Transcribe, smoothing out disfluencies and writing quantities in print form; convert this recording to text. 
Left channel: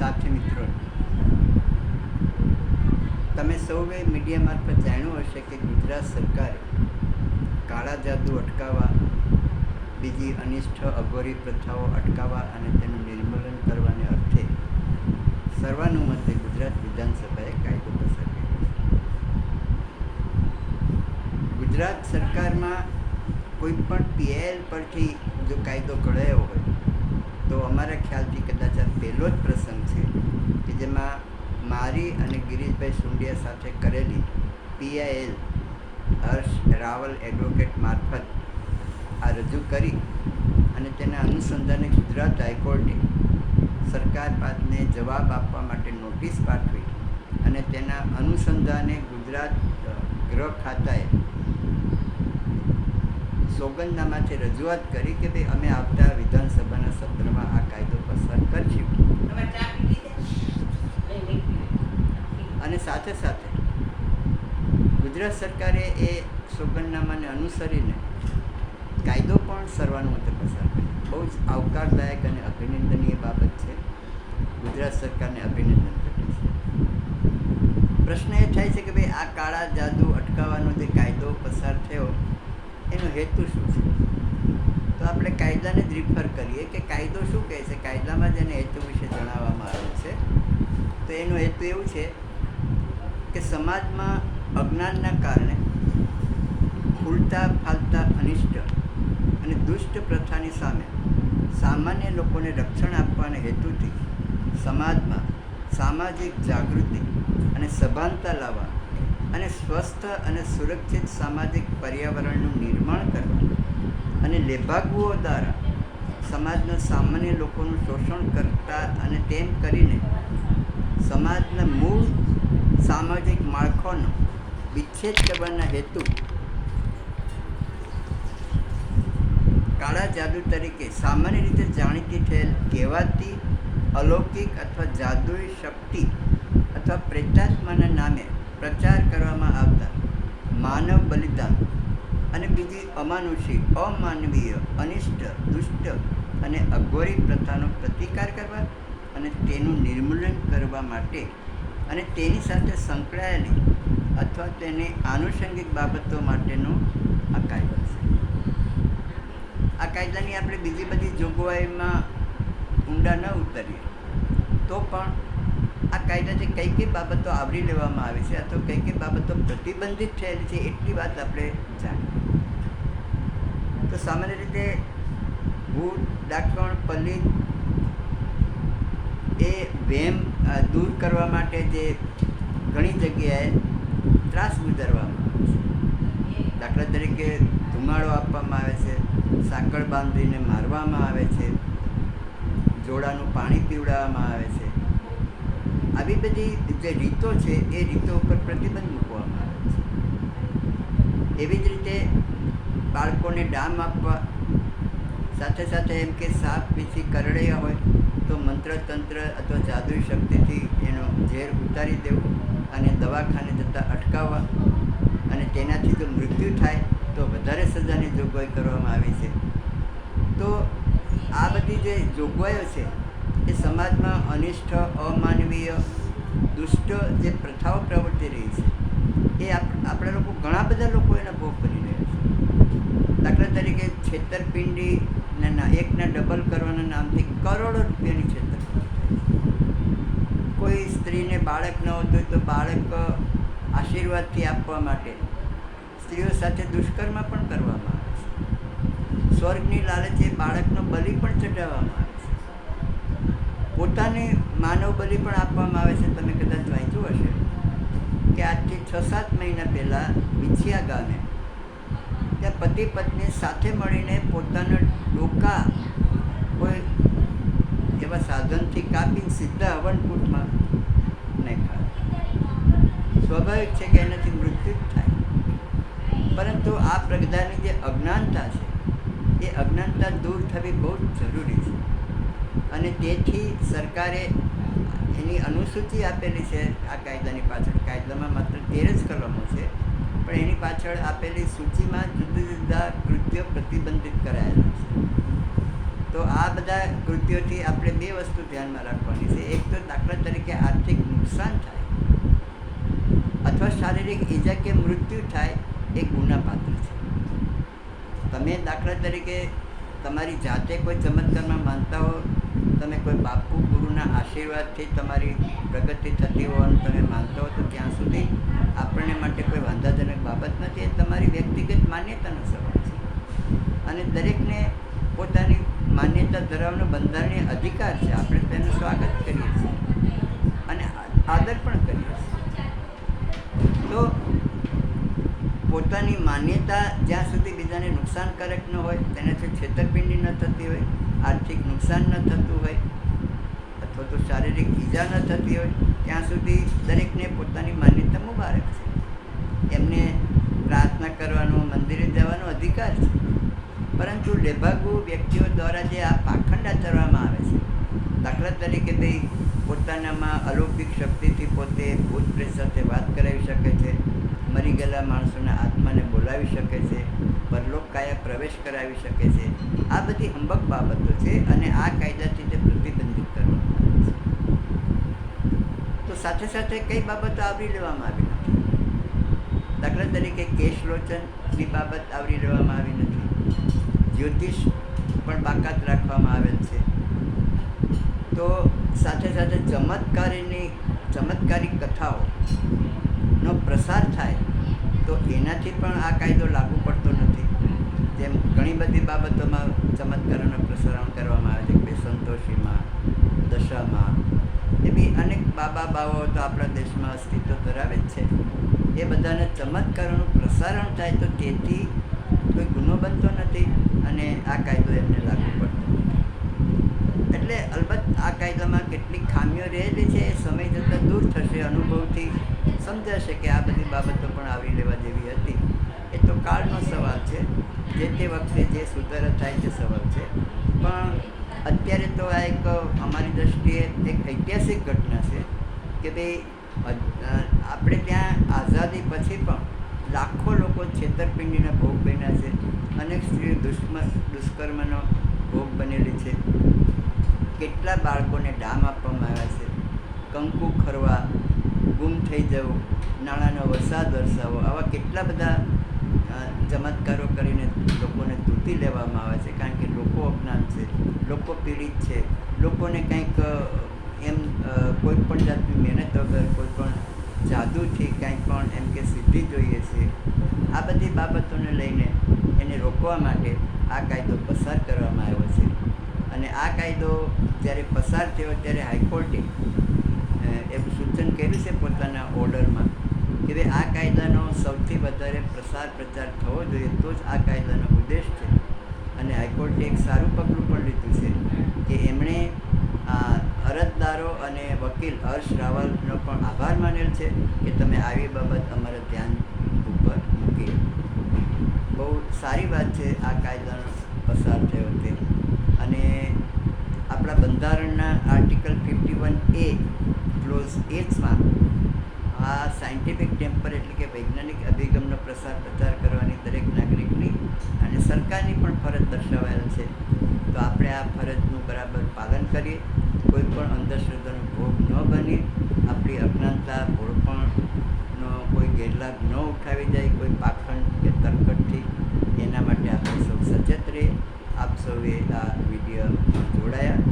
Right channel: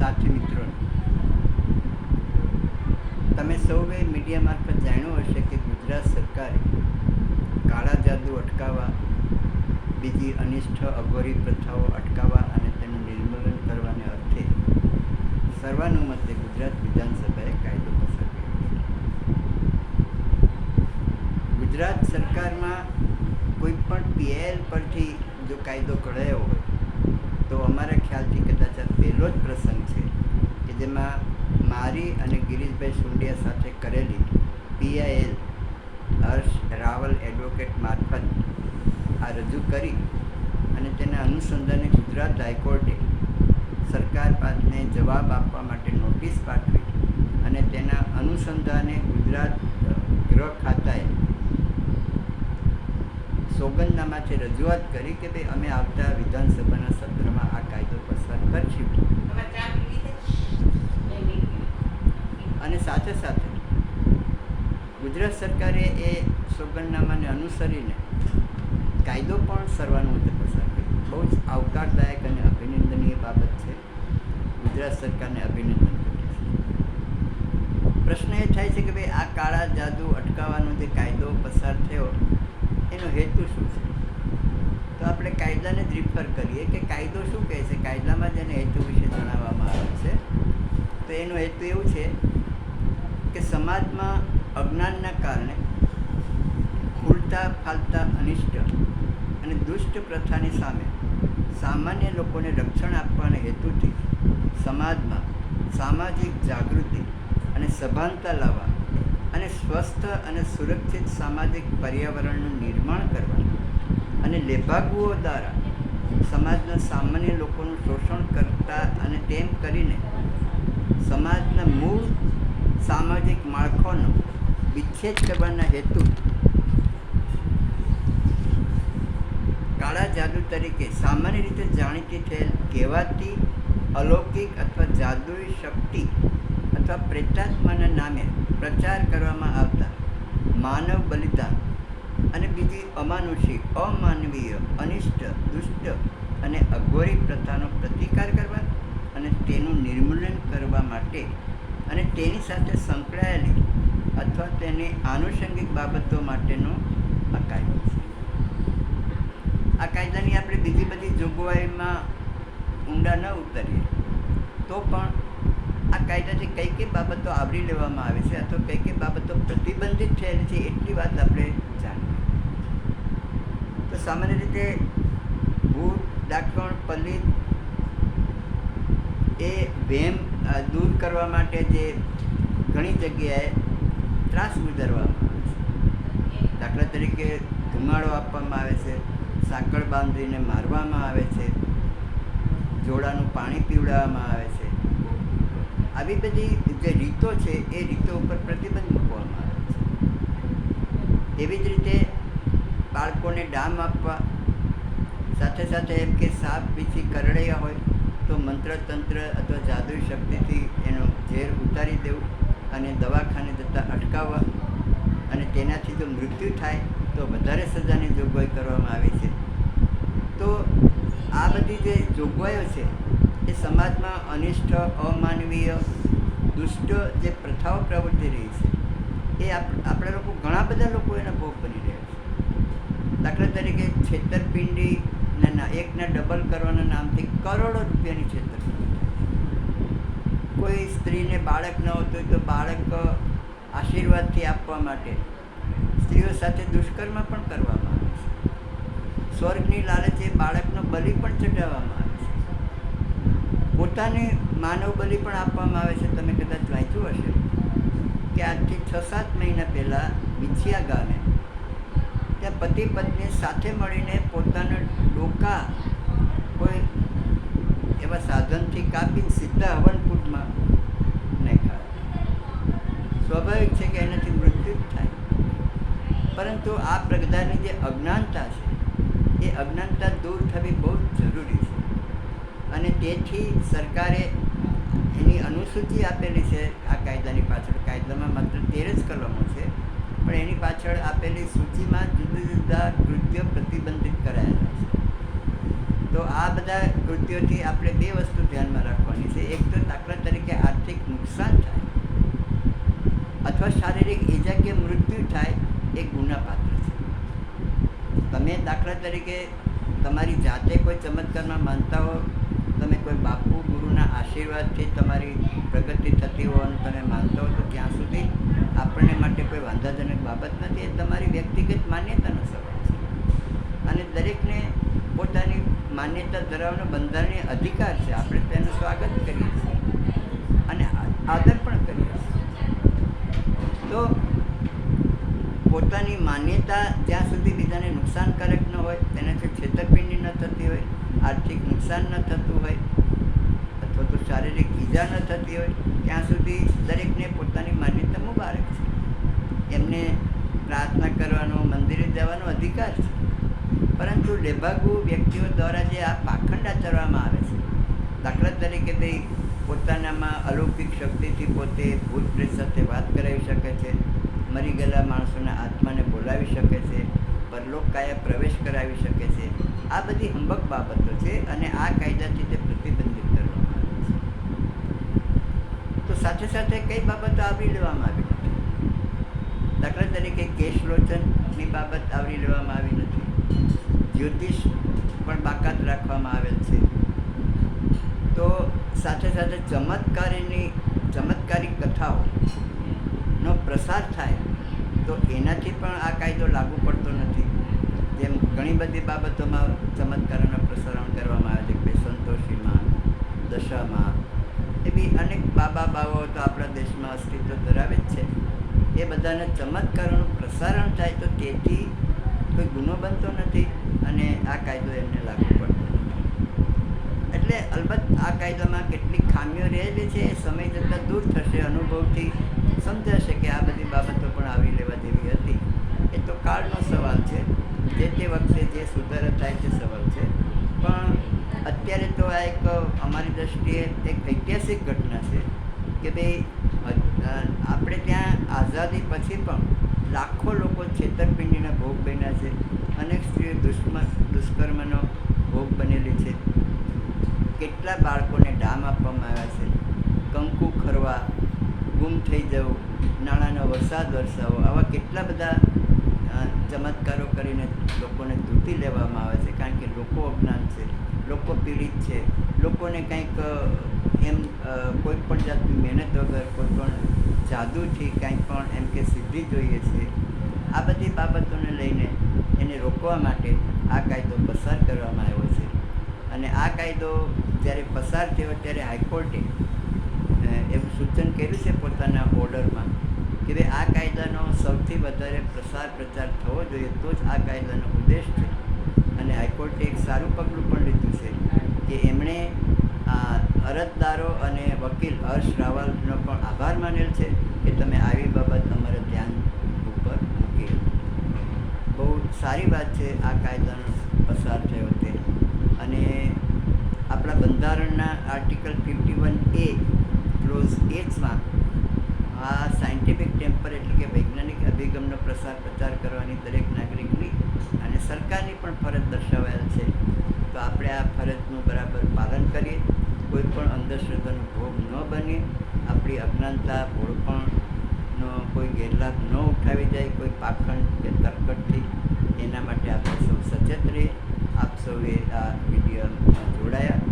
સાથી મિત્રો, તમે સૌએ મીડિયા મારફત જાણ્યું હશે કે ગુજરાત સરકારે કાળા જાદુ અટકાવવા, બીજી અનિષ્ટ અઘોરી પ્રથાઓ અટકાવવા અને તેનું નિર્મૂલન કરવાને અર્થે સર્વાનુમતે ગુજરાત વિધાનસભાએ કાયદો પસાર કર્યો છે. ગુજરાત સરકારમાં કોઈ પણ પીએલ પરથી જો કાયદો કઢાયો હોય તો અમારા ખ્યાલથી કદાચ આ પહેલો જ પ્રસંગ છે કે જેમાં મારી અને ગિરીશભાઈ સુંડિયા સાથે કરેલી પીઆઈએલ હર્ષ રાવલ એડવોકેટ મારફત આ રજૂ કરી અને તેના અનુસંધાને ગુજરાત હાઈકોર્ટે સરકાર પાસને જવાબ આપવા માટે નોટિસ પાઠવી અને તેના અનુસંધાને ગુજરાત ગૃહ ખાતાએ સોગંદનામાથી રજૂઆત કરી કે ભાઈ અમે આવતા વિધાનસભાના સત્રમાં આ કાયદો પસાર કરશું. અને સાથે સાથે ગુજરાત સરકારે એ સોગંદનામાને અનુસરીને કાયદો પણ સર્વાનુમતે પસાર કર્યો. બહુ જ આવકારદાયક અને અભિનંદનીય બાબત છે. ગુજરાત સરકારને અભિનંદન કરીએ છીએ. પ્રશ્ન એ થાય છે કે ભાઈ આ કાળા જાદુ અટકાવવાનો જે કાયદો પસાર થયો એનો હેતુ શું છે? તો આપણે કાયદાને જ રિફર કરીએ કે કાયદો શું કહે છે. કાયદામાં જેને હેતુ વિશે જણાવવામાં આવે છે તો એનો હેતુ એવું છે કે સમાજમાં અજ્ઞાનના કારણે ફૂલતા ફાલતા અનિષ્ટ અને દુષ્ટ પ્રથાની સામે સામાન્ય લોકોને રક્ષણ આપવાના હેતુથી સમાજમાં સામાજિક જાગૃતિ અને સભાનતા લાવવા અને સ્વસ્થ અને સુરક્ષિત સામાજિક પર્યાવરણનું નિર્માણ કરવા અને લેભાગુઓ દ્વારા સમાજના સામાન્ય લોકોનું શોષણ કરતા અને તેમ કરીને સમાજના મૂળ સામાજિક માળખાનો વિચ્છેદ કરવાના હેતુ કાળા જાદુ તરીકે સામાન્ય રીતે જાણીતી થયેલ કહેવાતી અલૌકિક અથવા જાદુઈ શક્તિ અથવા પ્રેતાત્માના નામે પ્રચાર કરવામાં આવતા માનવ બલિદાન અને બીજી અમાનુષી અમાનવીય અનિષ્ટ દુષ્ટ અને અઘોરી પ્રથાનો પ્રતિકાર કરવા અને તેનું નિર્મૂલન કરવા માટે અને તેની સાથે સંકળાયેલી અથવા તેની આનુષંગિક બાબતો માટેનો આ કાયદો છે. આ કાયદાની આપણે બીજી બધી જોગવાઈમાં ઊંડા ન ઉતરીએ તો પણ આ કાયદાથી કઈ કઈ બાબતો આવરી લેવામાં આવે છે અથવા કઈ કઈ બાબતો પ્રતિબંધિત થયેલી છે એટલી વાત આપણે જાણીએ. તો સામાન્ય રીતે ભૂત ડાકણ પલિત એ વહેમ દૂર કરવા માટે જે ઘણી જગ્યાએ ત્રાસ ગુજારવામાં આવે છે. દાખલા તરીકે ધુમાડો આપવામાં આવે છે, સાંકળ બાંધીને મારવામાં આવે છે, જોડાનું પાણી પીવડાવવામાં આવે છે. આવી બધી જે રીતો છે એ રીતો ઉપર પ્રતિબંધ મૂકવામાં આવે છે. એવી જ રીતે બાળકોને ડામ આપવા, સાથે સાથે એમ કે સાપ વીછી કરડ્યા હોય તો મંત્રતંત્ર અથવા જાદુઈ શક્તિથી એનો ઝેર ઉતારી દેવું અને દવાખાને જતાં અટકાવવા અને તેનાથી જો મૃત્યુ થાય તો વધારે સજાની જોગવાઈ કરવામાં આવી છે. તો આ બધી જે જોગવાઈઓ છે એ સમાજમાં અનિષ્ટ અમાનવીય દુષ્ટ જે પ્રથાઓ પ્રવર્તી રહી છે એ આપણા લોકો ઘણા બધા લોકો એના ભોગ બની રહ્યા છે. દાખલા તરીકે છેતરપિંડીના એકના ડબલ કરવાના નામથી કરોડો રૂપિયાની છેતરપિંડી થાય છે. કોઈ સ્ત્રીને બાળક ન હોતું હોય તો બાળક આશીર્વાદથી આપવા માટે સ્ત્રીઓ સાથે દુષ્કર્મ પણ કરવામાં આવે છે. સ્વર્ગની લાલચે બાળકનો બલિ પણ ચઢાવવામાં આવે છે. પોતાની માનવ બલિ પણ આપવામાં આવે છે. તમે કદાચ વાંચ્યું હશે કે આજથી 6-7 મહિના પહેલાં વિછિયા ગામે ત્યાં પતિ પત્ની સાથે મળીને પોતાના ડોકા કોઈ એવા સાધનથી કાપીને સીધા હવનકૂટમાં નાખ્યા. સ્વાભાવિક છે કે એનાથી મૃત્યુ જ થાય. પરંતુ આ પ્રકારની જે અજ્ઞાનતા છે એ અજ્ઞાનતા દૂર થવી બહુ જ જરૂરી છે. અને તેથી સરકારે એની અનુસૂચિ આપેલી છે આ કાયદાની પાછળ. કાયદામાં માત્ર 13 જ કલમો છે, પણ એની પાછળ આપેલી સૂચિમાં જુદા જુદા કૃત્યો પ્રતિબંધિત કરાયેલા છે. તો આ બધા કૃત્યોથી આપણે બે વસ્તુ ધ્યાનમાં રાખવાની છે. એક તો દાખલા તરીકે આર્થિક નુકસાન થાય અથવા શારીરિક ઈજા કે મૃત્યુ થાય એ ગુનાપાત્ર છે. તમે દાખલા તરીકે તમારી જાતે કોઈ ચમત્કારમાં માનતા હો, તમે કોઈ બાપુ ગુરુના આશીર્વાદથી તમારી પ્રગતિ થતી હોય અને તમે માનતા હો, તો ત્યાં સુધી આપણને માટે કોઈ વાંધાજનક બાબત નથી. એ તમારી વ્યક્તિગત માન્યતાનો સવાલ છે અને દરેકને પોતાની માન્યતા ધરાવવાનો બંધારણીય અધિકાર છે. આપણે તેનું સ્વાગત કરીએ છીએ અને આદર પણ કરીએ છીએ. તો પોતાની માન્યતા જ્યાં સુધી બીજાને નુકસાનકારક ન હોય, તેનાથી છેતરપિંડી ન થતી હોય, આર્થિક નુકસાન ન થતું હોય અથવા તો શારીરિક ઈજા ન થતી હોય, ત્યાં સુધી દરેકને પોતાની માન્યતા મુબારક છે. એમને પ્રાર્થના કરવાનો, મંદિરે જવાનો અધિકાર છે. પરંતુ લેભાગુ વ્યક્તિઓ દ્વારા જે આ પાખંડ આચરવામાં આવે છે, દાખલા તરીકે ભાઈ પોતાનામાં અલૌકિક શક્તિથી પોતે ભૂત પ્રેત સાથે વાત કરાવી શકે છે, મરી ગયેલા માણસોના આત્માને બોલાવી શકે છે, પરલોક કાયા પ્રવેશ કરાવી શકે છે. આ બધી હંબક બાબતો છે અને આ કાયદાથી તે પ્રતિબંધિત કરવામાં આવે છે. તો સાથે સાથે કઈ બાબતો આવરી લેવામાં આવી નથી. દાખલા તરીકે કેશલોચનની બાબત આવરી લેવામાં આવી નથી. જ્યોતિષ પણ બાકાત રાખવામાં આવેલ છે. તો સાથે સાથે ચમત્કારિક કથાઓનો પ્રસાર થાય તો એનાથી પણ આ કાયદો લાગુ પડતો નથી. જેમ ઘણી બધી બાબતોમાં ચમત્કારોનું પ્રસારણ કરવામાં આવે છે કે સંતોષીમાં, દશામાં, એવી અનેક બાવાઓ તો આપણા દેશમાં અસ્તિત્વ ધરાવે જ છે. એ બધાના ચમત્કારોનું પ્રસારણ થાય તો તેથી કોઈ ગુનો બનતો નથી અને આ કાયદો એમને લાગુ પડતો નથી. એટલે અલબત્ત આ કાયદામાં કેટલીક ખામીઓ રહેલી છે, એ સમય જતાં દૂર થશે. અનુભવથી સમજાશે કે આ બધી બાબતો પણ આવરી લેવા જેવી હતી. એ તો કાળનો સવાલ છે. જે તે વખતે જે સુધારા થાય તે સવાલ છે. પણ અત્યારે તો આ એક અમારી દૃષ્ટિએ એક ઐતિહાસિક ઘટના છે કે ભાઈ આપણે ત્યાં આઝાદી પછી પણ લાખો લોકો છેતરપિંડીના ભોગ બન્યા છે. અનેક સ્ત્રીઓ દુષ્કર્મનો ભોગ બનેલી છે. કેટલા બાળકોને ડામ આપવામાં આવ્યા છે. કંકુ ખરવા, ગુમ થઈ જવું, નાણાંનો વરસાદ વરસાવો, આવા કેટલા બધા ચમત્કારો કરીને લોકોને તૂટી લેવામાં આવે છે. કારણ કે લોકો અજ્ઞાન છે, લોકો પીડિત છે, લોકોને કંઈક એમ કોઈ પણ જાતની મહેનત વગર, કોઈ પણ જાદુથી કાંઈ પણ એમ કે સિદ્ધિ જોઈએ છે. આ બધી બાબતોને લઈને એને રોકવા માટે આ કાયદો પસાર કરવામાં આવ્યો છે. અને આ કાયદો જ્યારે પસાર થયો ત્યારે હાઈકોર્ટે એવું સૂચન કર્યું છે પોતાના ઓર્ડરમાં કે ભાઈ આ કાયદાનો સૌથી વધારે પ્રચાર થવો જોઈએ, તો જ આ કાયદાનો ઉદ્દેશ છે. અને હાઈકોર્ટે એક સારું પગલું પણ લીધું છે કે એમણે અરજદારો અને વકીલ હર્ષ રાવલનો પણ આભાર માનેલ છે કે તમે આવી બાબત અમારા ધ્યાન ઉપર મૂકી. બહુ સારી વાત છે આ કાયદાનો પસાર થયો તે. અને આપણા બંધારણના આર્ટિકલ 51A ક્લોઝ Hમાં આ સાયન્ટિફિક ટેમ્પર એટલે કે વૈજ્ઞાનિક અભિગમનો પ્રચાર કરવાની દરેક નાગરિકની અને સરકારની પણ ફરજ દર્શાવાયેલ છે. તો આપણે આ ફરજનું બરાબર પાલન કરીએ, કોઈ પણ અંધશ્રદ્ધાનો ભોગ ન બનીએ, આપણી અજ્ઞાનતા, ભોળપણનો કોઈ ગેરલાભ ન ઉઠાવી જાય કોઈ પાખંડ કે તરકટથી. એના માટે આપણે સૌ સચેત રહીએ. આપ સૌએ આ વિડીયોમાં જોડાયા